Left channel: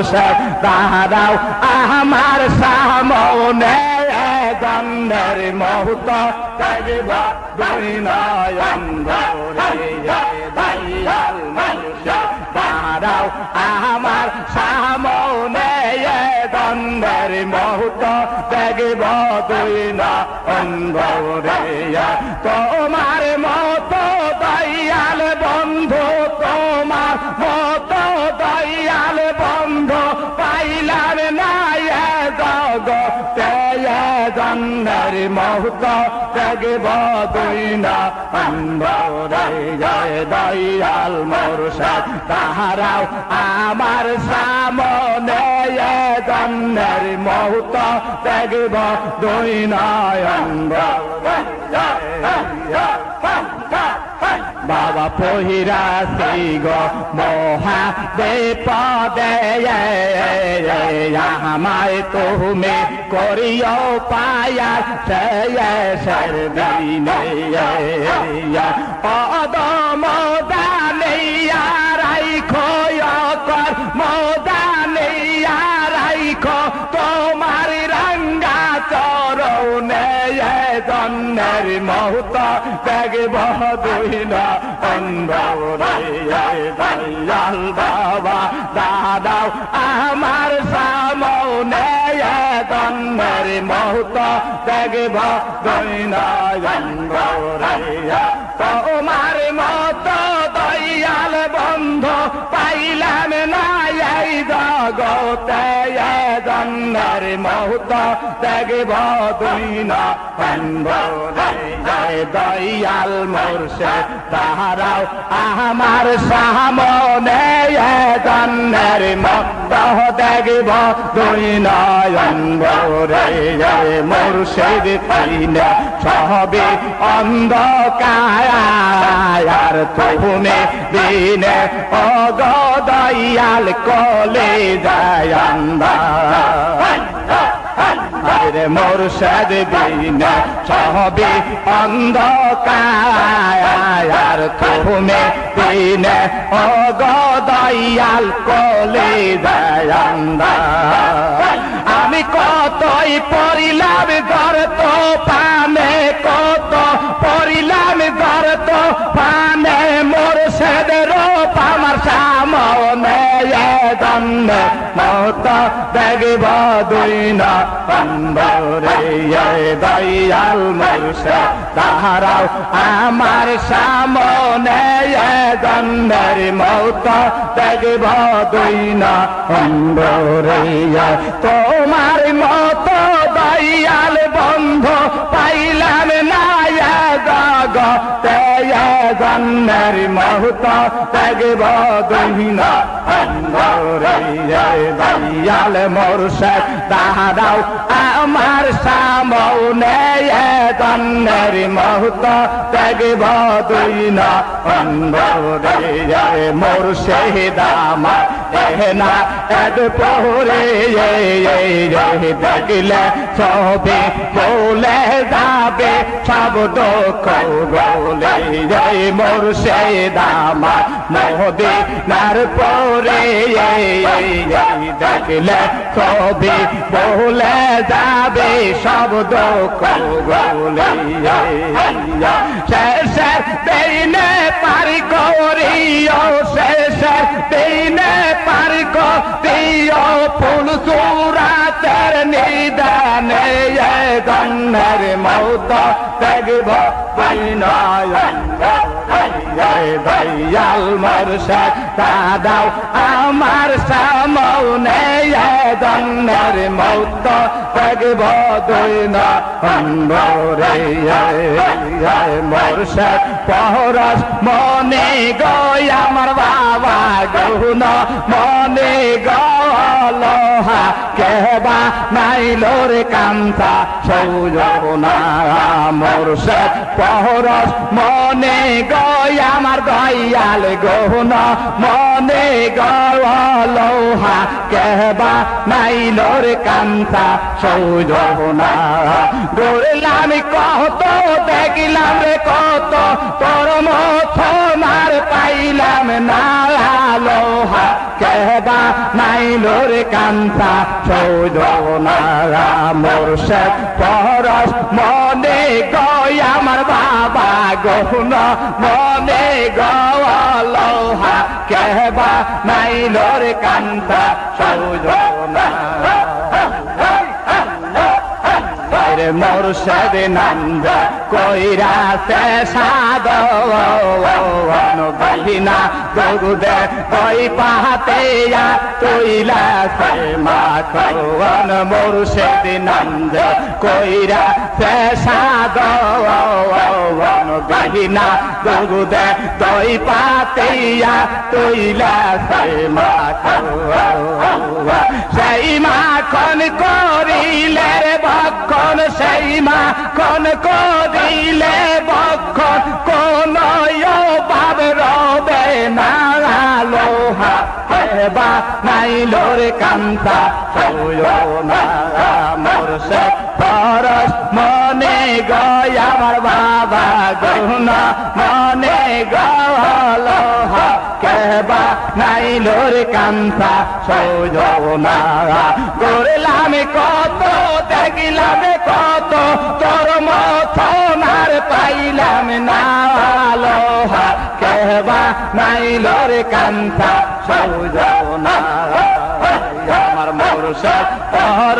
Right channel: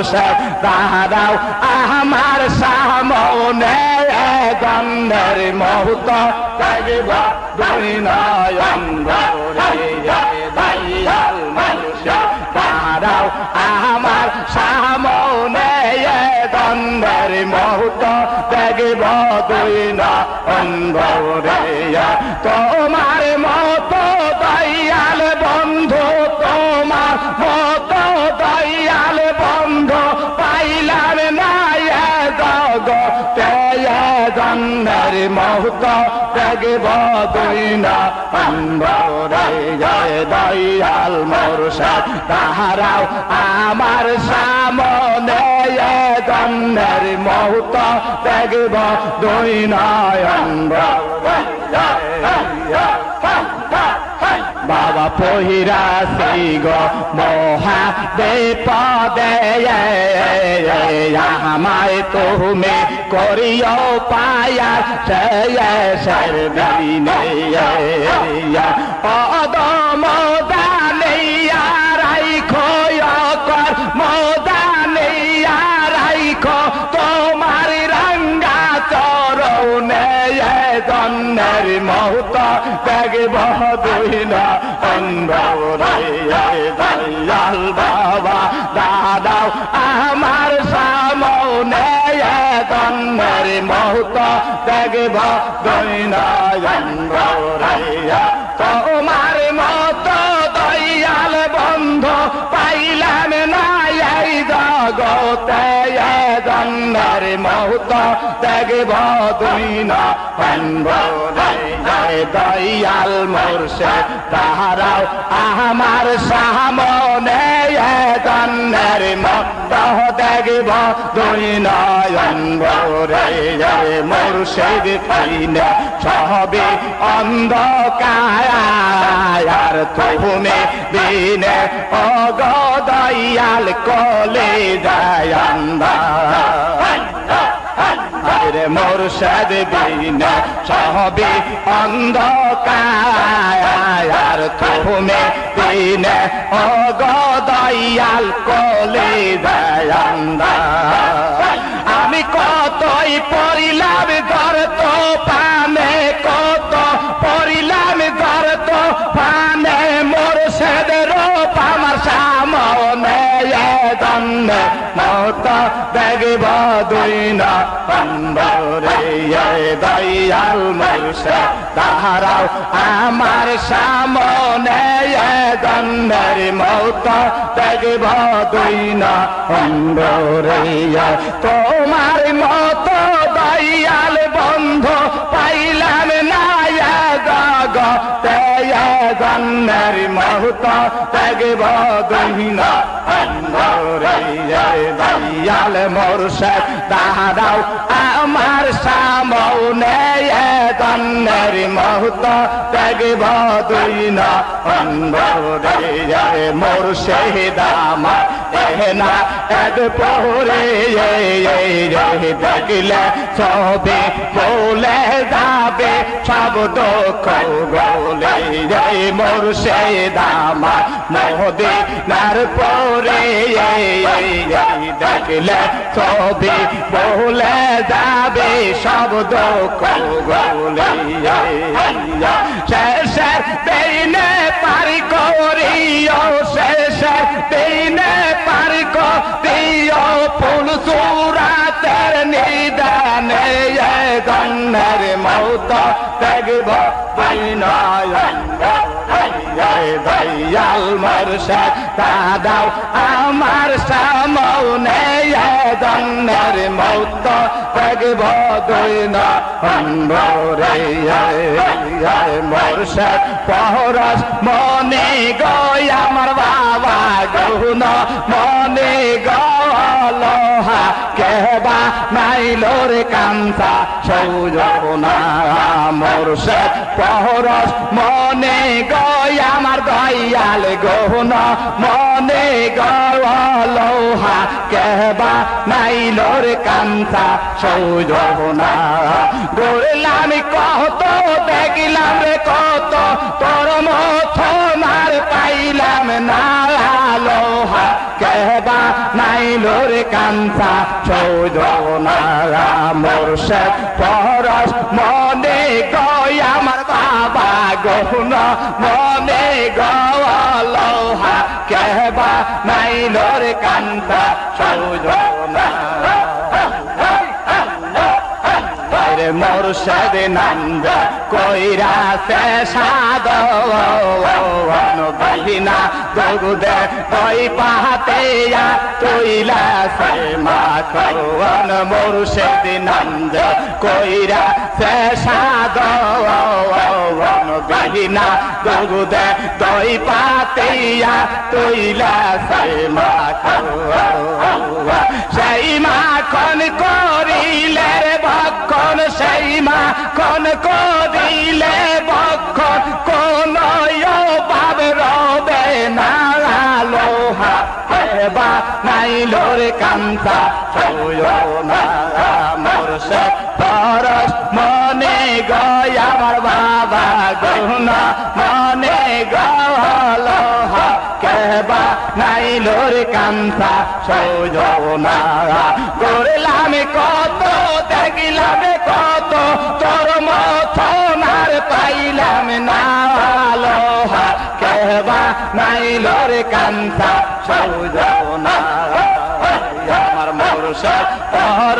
মোরশেদ তাহারাও আমার সামনে গন্ধের মুহূর্ত। গন্ধের মুহূর্ত দেখব দুই না অন্ধরে দয়াল মোরসা তাহারাও আমার সামনে গন্ধের মুহূর্ত দেখব দুই নয়ন বাবা পহিরা সিগ মহা দে পদে আমায় তুমি করিও পায়া সর মহুত দেখব দুই না দয়াল মোরসে তাহারাও আমার সামনে দন্নের মত দেখব দুই নয়ন ভরে মুর্শিদ, পাইনে সবে অন্ধকার তুমি দিনে অগদয়াল কলে দয়ান্দা আরে মোরশেদ দিন সবে অন্ধকার তুমি দিন অগদয়াল কলে দয়ান্দা আমি কতই পরিলাম দর তো পানে কত পরিলাম দর তো পানে মোরশেদের আমার সামনে দন্নে মত দেখব দুই না দয়াল মোরশে তাহারাও আমার সামনে দন্নের মত দেখব দুই না তোমার মত দয়াল বন্ধ পাইলাম না গগতে দন্নের মহত দেখব দুই না দয়াল মোরশে তাহারাও আমার সামনে দন্নের মহত দেখব দুই না অন্ধরে মোরশে দামা না। এক পহরে দেখলে সবে বলে যাবে, সব দুঃখ বলে মোরশে দামা মোদে নার পরে দেখলে সবে বলে যাবে, সব দুঃখ বলে শেষের দিনে পারি করিও, শেষের দিনে পারি করিও ফুল সুরাতের নিদানে গন্নের মৌত দেখব দয়াল মরশাদ দাদাও আমার সামনে দন্নের মৌত দেখব দুই না মনে গয়, আমার বাবা গৌন মনে গলহা কেবা নাইলোর কান্তা, সৌজনা। মরশাদ পহরস মনে গয়, আমার দয়াল গৌন মনে গলহা কেবা নাই নাইলোর কান্তা সৌজনা গোরলাম কত দেখিলাম রে কত তোর মত মার পাইলাম না লোহা কেবা নাইলোর কান্তা সৌজনা মোরশেদ পরশ মনে গয় আমার বাবা গহন মনে গলোহা কেবা নাইলোর কান্তা সৌজনা রে মোরশেদ নন্দ কইরা সে সাদ গহিনা গরুদে কই পাহাতে তৈলা সে মাথন মোরশেদ নন্দ কইরা সে সাদ গহিনা গরুদে দই পাতেয়া তৈলা সে মাখন সেই মাখন করিলে বক্ষণ, সেই মাখন করিলে বক্ষণ। কোন বাব রবে না লোহা হেবা নাই লোরে কান্তা না মোর সে মনে গয় আমার বাবা গহনা মনে গলোহা কেবা নাই লোর কান্তা সৌজনা করলাম কত, দেখিলাম কত তোর মথনার পাইলাম না লোহা কেবা নাই লোর কান্তা সৌজনা আমার মোরসা পর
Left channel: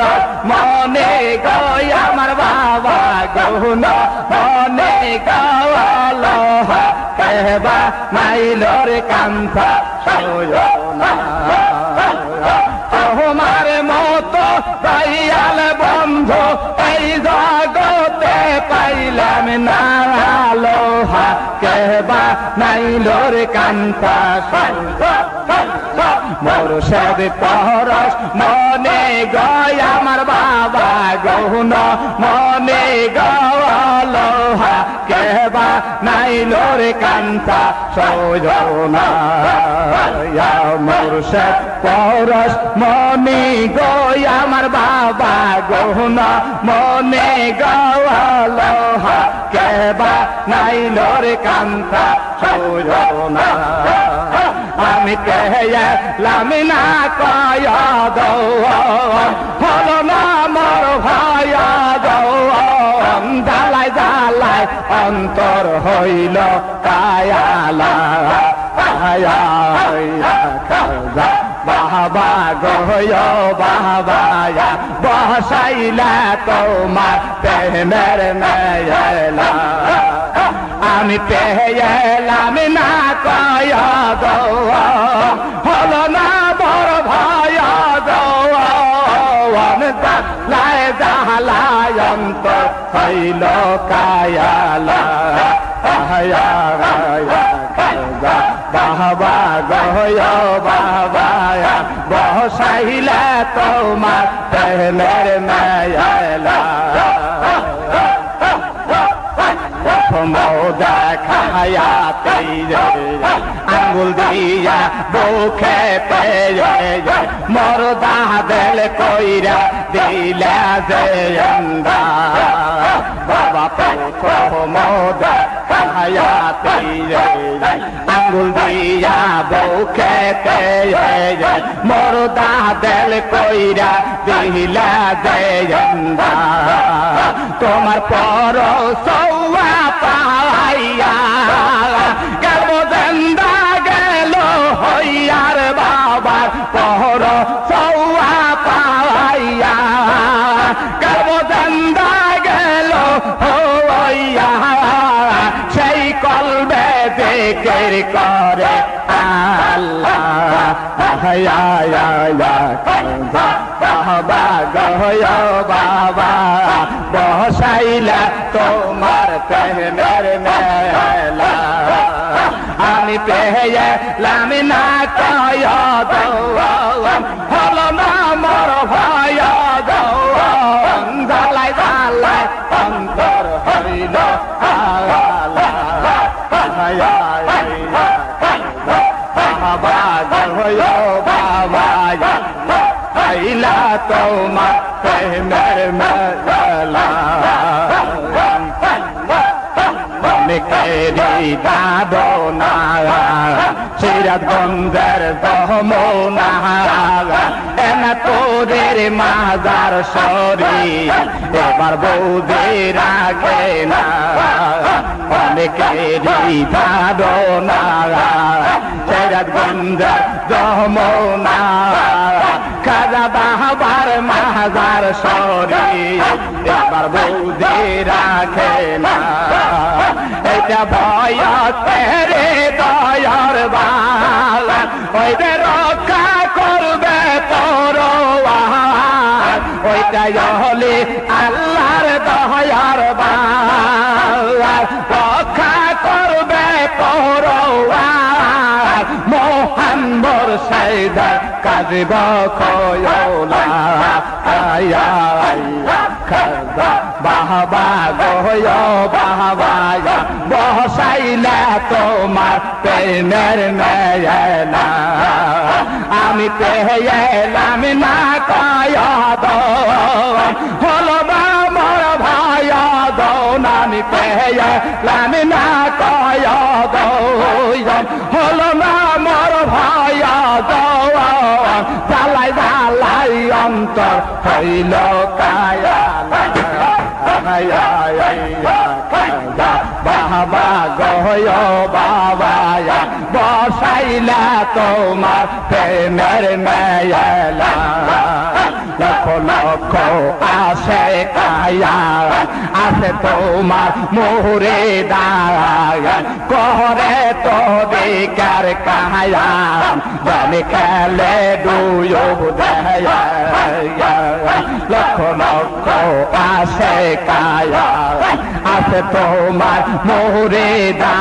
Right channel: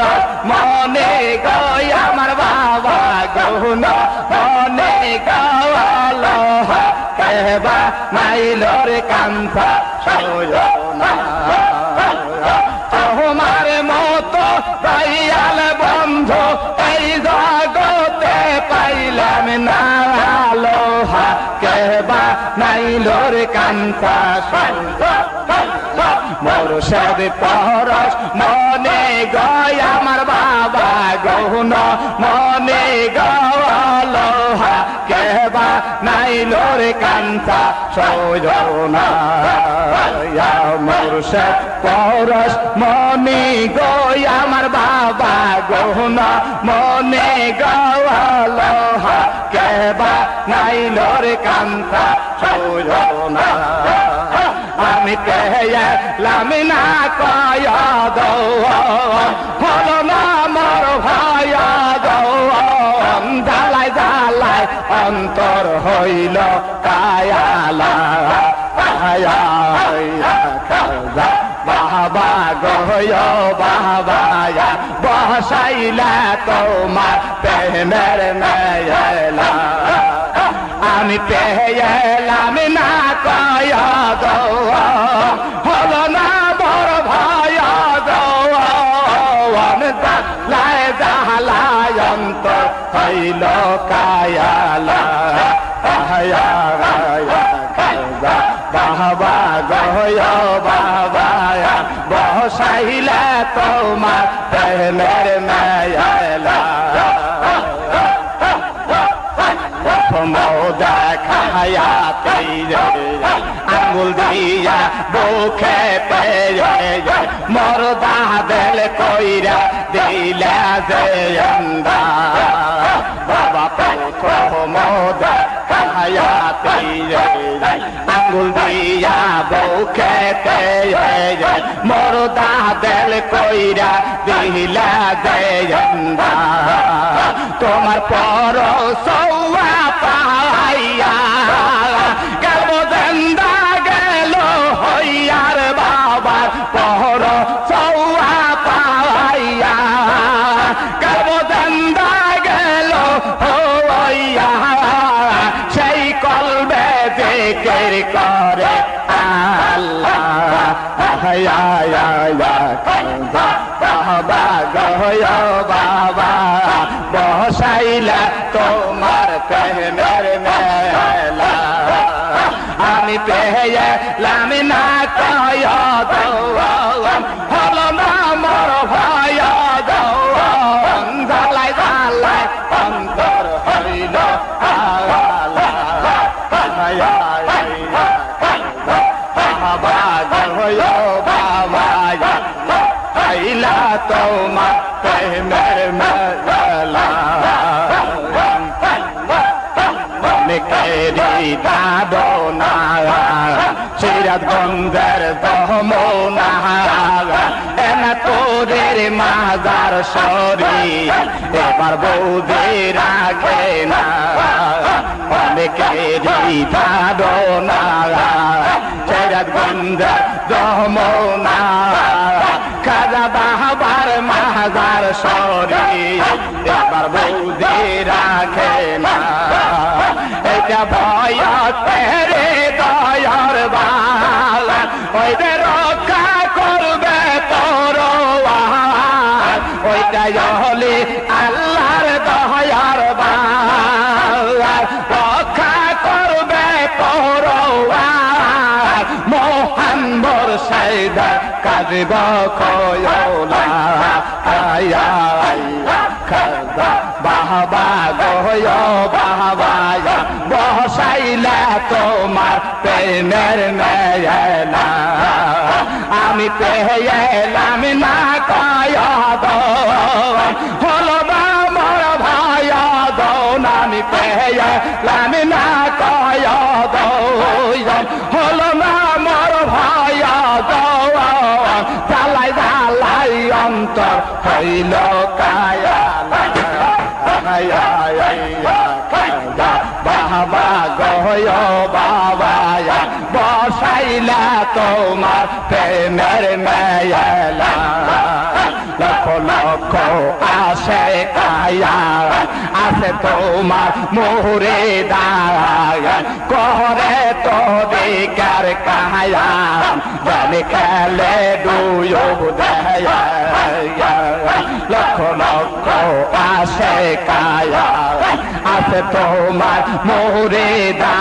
মনে গয় গহুন মনে গলোহা কেবা নাই লোর কান্তা সৌজনা তোমার মতো পাইয়াল বন্ধ এই জগতে পাইলাম না লোহা কেবা নাইলোর কান্তা মোর সব পরশ, মনে গয় আমার বাবা গহুন মনে গলোহা কেবা নাইলোর কান্তা সৌজনা সব পরশ, মনে গয় আমার বাবা গহুন মনে গলোহা কেবা নাইলোর কান্তা সৌজনা আমি কেলাম না কয় দৌ হল না মর ভয় দৌ জ্বালাই জ্বালাই অন্তর হইল কায়ালা বাবা গয় বাবা বসাইলা তোমার প্রেমের মেলা আমি পেলাম না কয়া গো আঙ্গুল দিয়া বুকে মরদা বেল কইরা দিলা যে বাবা পুত্র মৌদা খায়া তেরে আঙ্গুল দিয়া বুকে মরদা বেল কইরা দিলা যে তোমার আইলা তোমার প্রেমের মেলা অনেকেরই দাদনা সিরাজগঞ্জের দমনা সরি এবার বৌদি রাখে না। অনেকেরই গন্ধের যমনা মোহাম্মর সাইদা কাজব বাহবা গয় বাহবায়া বসাইলা তোমার প্রেমের মেয়না আমি পেয়েলাম বাবা গয় বাবা বসাইলা তোমার প্রেমের মেয়লা লক্ষ আসে কায়া আসে তোমার মোরে দায় করে তো দিকার কায়া জানি খেলে দুয়োগ তোমার মোরে দায়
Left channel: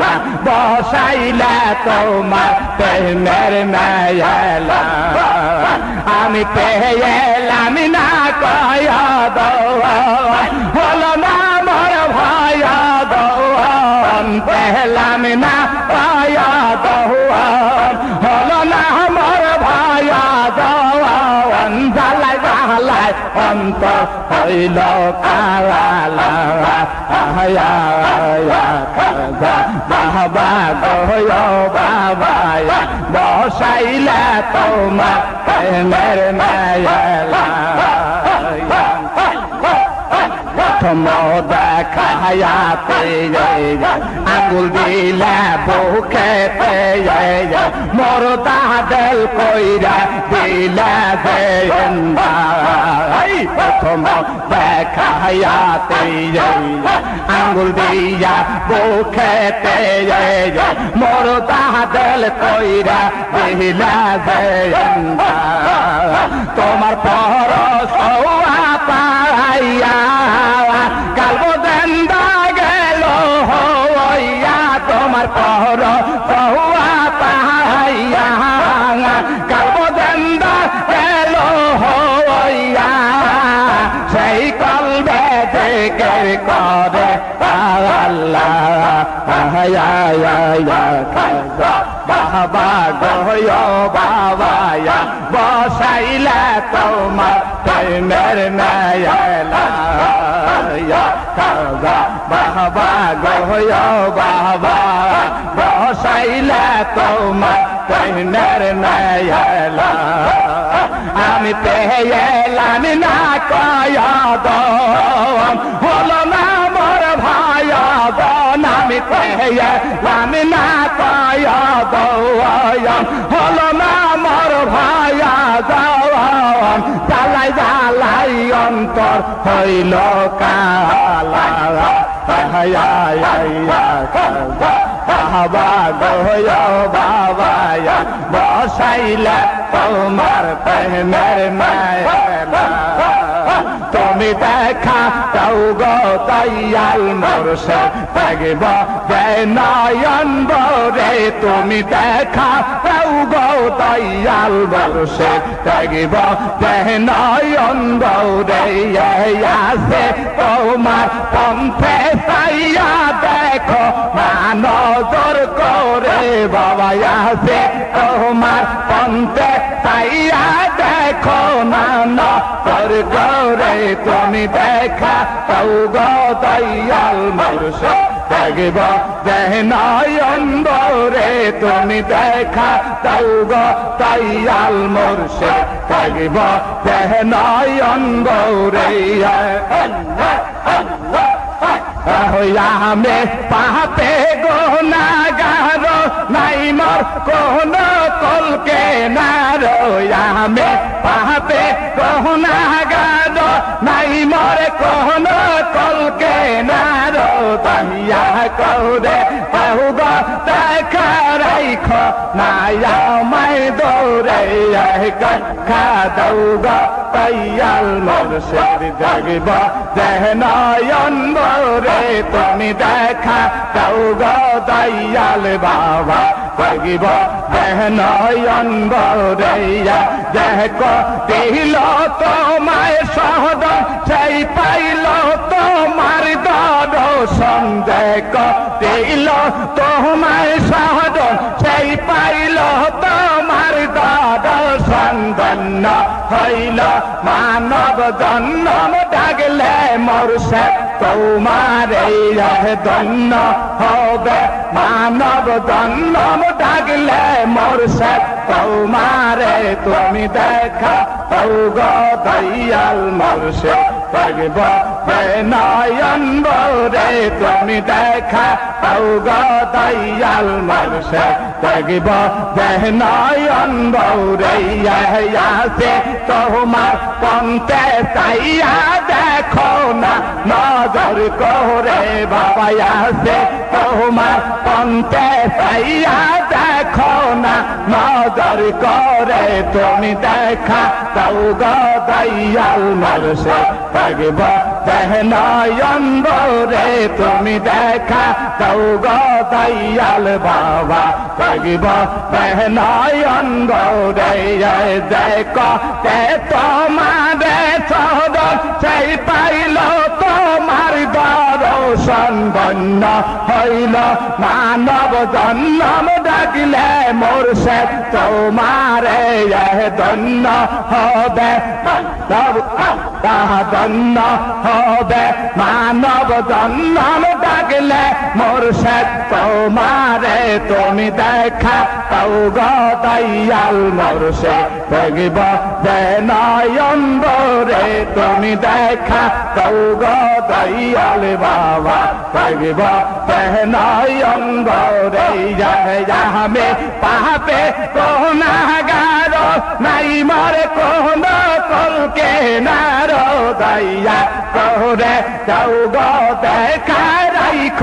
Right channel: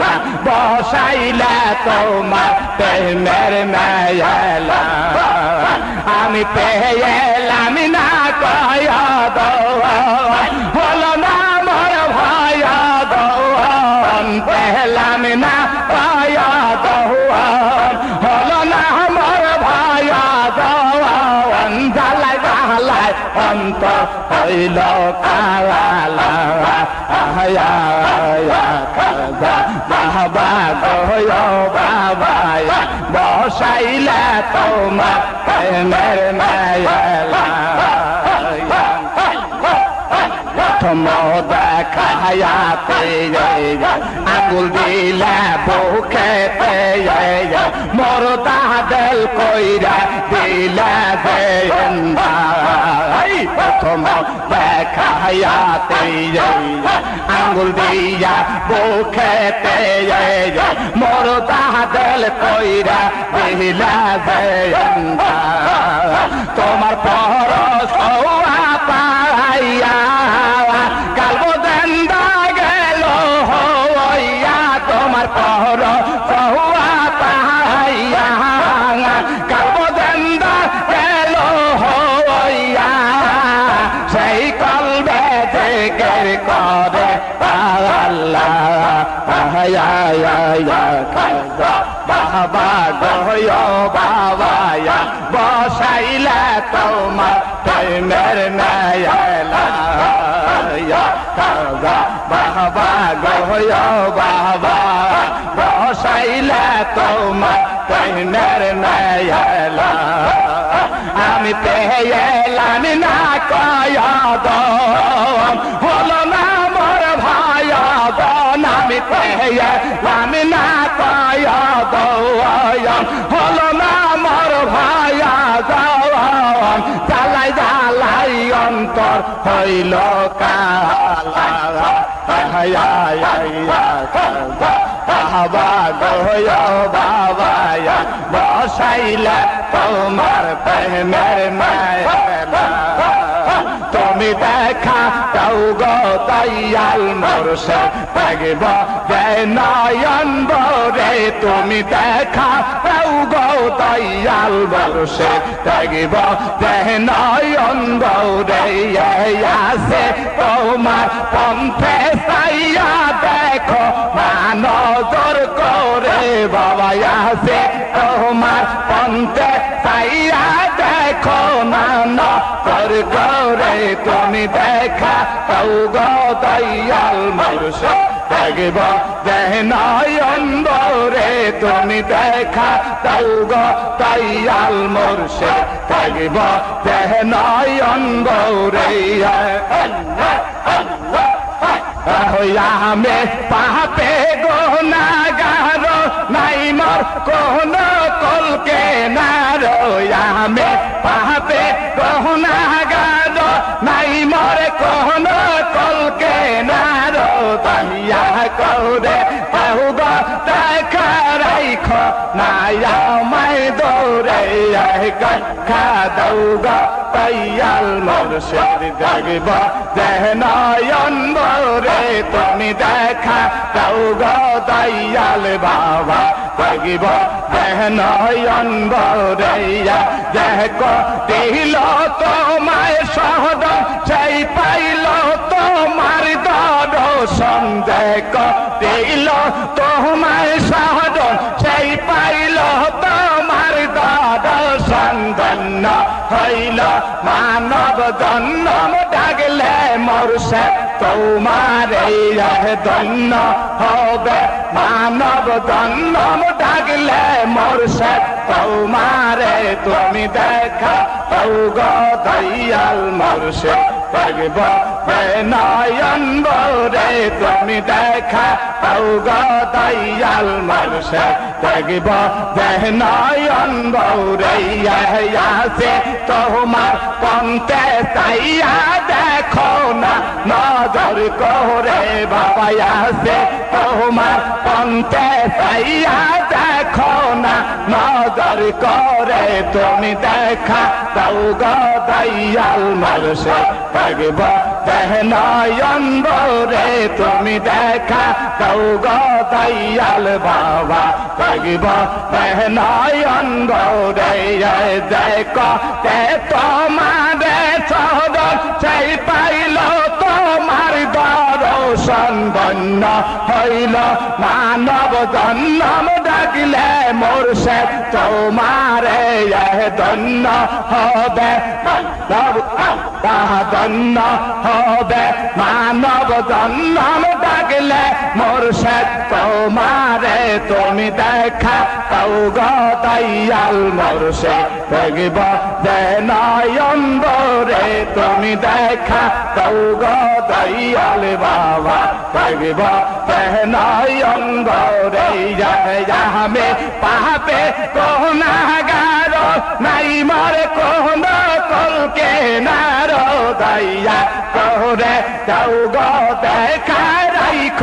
বাবা বসাইলা তোমার প্রেমের মায়ালা আমি পেয়েলাম না। আঙুল দিলা বুকেতে মোর তাহাদেল কইরা দিলা প্রথম দেখায়াতে আঙ্গুল দিয়া বুকেতে মোর তাহাদেল কইরা দিলা তোমার পর সৌয়া পাইয়া কালব দেন্দা তোমার প্রেমের মেলা বাবা গয় বাবা বসাইলা তোমার প্রেমের মেলা আমি পেয়েলাম না কয় দেখা দাও গো দয়াল মোরসে। থাকব নয়ন বরে, তুমি দেখা দাও গো দয়াল বর্ষে থাকিব নয়ন রে আছে তোমার পন্থে সাইয়া দেখো না নজর করে বাবা আছে। দয়াল বর্ষে থাকিব নয়ন রে তুমি দেখা দাও গো দয়াল মোরশে থাকিব নয়ন রে আমি পাপে গোনাগার নাই মোর কোন কলকে নার আমি পাপে গোনাগার নাই মোর কোন কলকে নার তাইয়া কৌরে বহু গো দেখা রাইখ নায়া মাই দৌড়ে খা দৌ গো তৈয়াল মোরশের জাগিব দেহনয়ন রে তুমি দেখা দৌ গো দয়াল বাবা জাগিব দেহনয়ন রে দেখ দিল তোমায় সহদ সেই পাইল, তোমার দর্শন দেখ। দিল তোমায় সহদ সেই পাইল, তোমার হইল মানব জন্ম ডাকলে মরুষে তোমার ধন্য হবে। মানব জন্ম ডাকলে মরুষে তোমারে তুমি দেখা তৌ গো দয়াল মরছে পাগব নয়ন তুমি দেখা তৌ গো দয়াল মরছে পাগব নয়ন রে আছে তোমার পন্তে তাইয়া দেখো না নজর করে বাবা আছে তোমার পন্তে তাইয়া দেখো না, নজর করে তুমি দেখা তাও গো দয়াল মরছে পাগব নয়ন রে তুমি দেখা তাও গো দয়াল বাবা নয়ন রে দেখ তে তোমারে সহদ সেই পাইল তোমার দর্শন ধন্য হইল মানব জন্ম ডাকিলে মোরসে তোমারে ধন্য হবে। ধন্য হবে। মানব জন্ম ডাকলে মোরসে তোমারে তুমি দেখা তাও গো দয়াল মোরসে দেখিব যে নয়ন রে তুমি দেখা তাও গো দয়াল বাবা। দেখিব যে নয়ন রে যাবে পাপে কোনাগার নাই মরে কোন কলকে নার দয়া করে। যাও গো দেখা রাইখ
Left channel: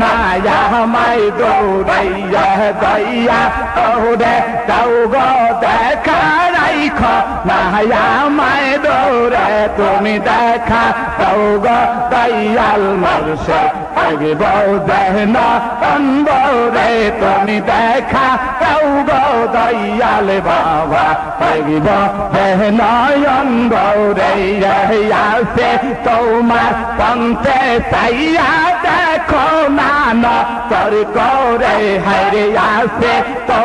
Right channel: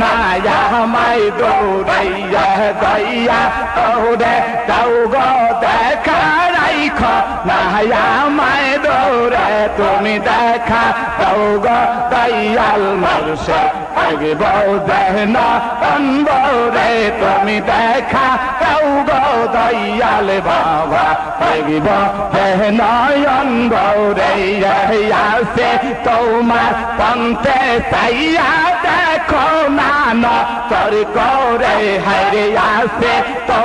নায়া মাই দৌড়াইয়া দয়া করে। যাও গো দেখা রাইখ নায়া মাই দৌড়ে। তুমি দেখা তাও গো দয়াল আগে বউ দেহন রে তুমি দেখা কেউ গো দয়াল বাবা আগে দেহনয়ন আসে তোমার পন্থে তাইয়া দেখো না তোর গৌরে হারে আসে তো